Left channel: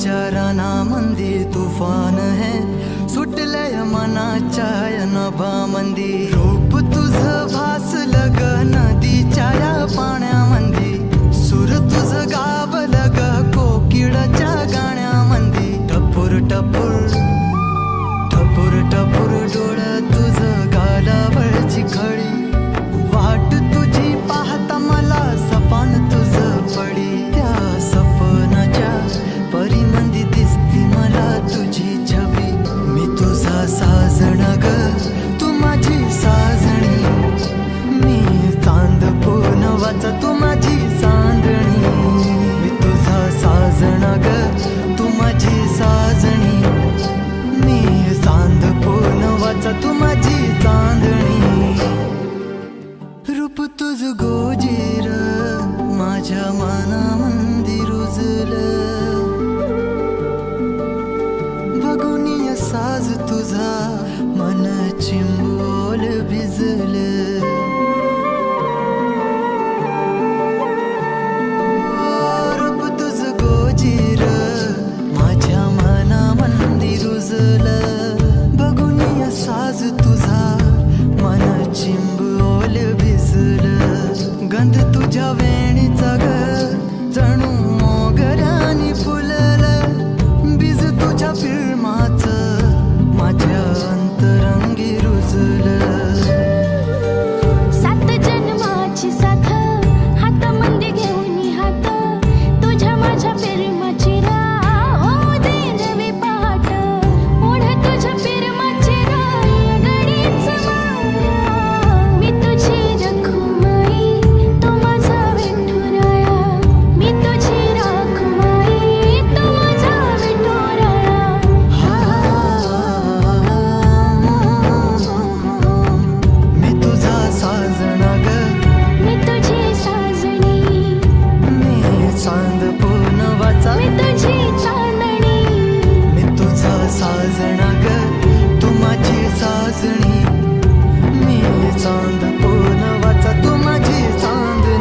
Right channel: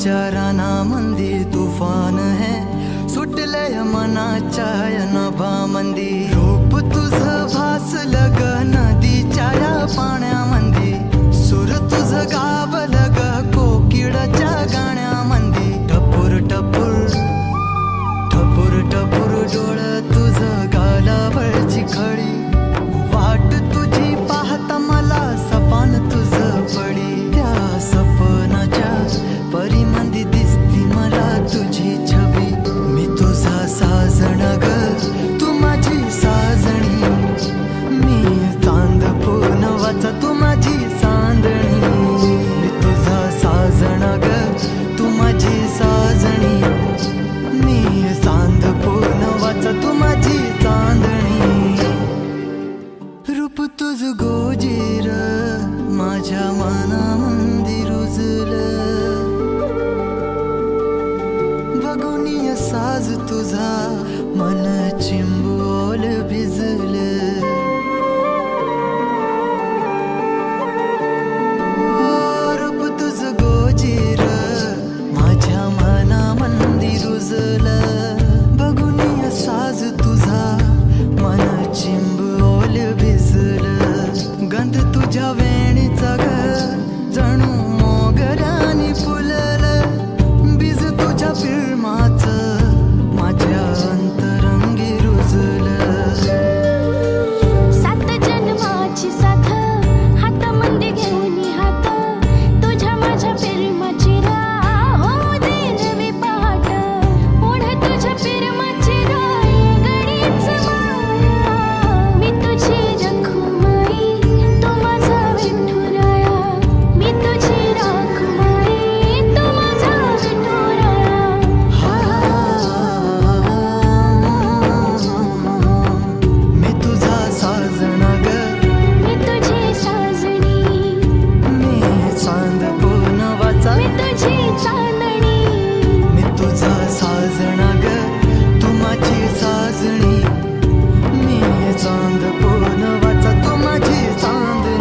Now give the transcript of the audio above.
विचाराना मंदी तुफान है सुटलय मनाच्या नभा मंदी रूप तुझ भासलं ग नदीच्या या पाण्यामंदी सूर तुझ गावलं ग कोकिळाच्या गाण्यामंदी टपूर टपूर टपूर टपूर डोळं तुझ गालावरची खडी वाट तुझी पाहता मला सपान तुझ पडी त्या सपनाच्या परिमंदी दिसती मला तुझी छबी मी तुझा साजण ग तू माझी साजणी मी चांद पूनवाचा तू माझी चांदणी मी तुझा साजण ग तू माझी साजणी मी चांद पूनवाचा तू माझी चांदणी रूप तुझ गोजीर माझ्या मनामंदी रुजलं बघुनिय साज तुझा मन चिंबोल भिजलं रूप तुझ गोजीर माझ्या मनामंदी रुजलं बघुनिय साज तुझा मन चिंबोल भिजलं गंध तुझ्या वेणीचा ग जणू मोगऱ्यानी फुललं बीज तुझ्या फिल्माचं माझ्या अंतरंगी रुजलं सात जन्माची साथ हातामध्ये घेऊन हात तुझ्या माझ्या प्रेमाची राह हो दे नवी पहाट ओढ तुझ्या प्रेमाची राह गडीच माया मी तुझी रखुमाई तू माझा विठुराया मी तुझी रखुमाई तू माझा विठुराया मी तुझा साजणा ग मी तुझी साजणी मी चांद पूनवाचा मी तुझी चांदणी मी तुझा साजणा ग तू माझी साजणी मी चांद पूनवाचा तू माझी चांदणी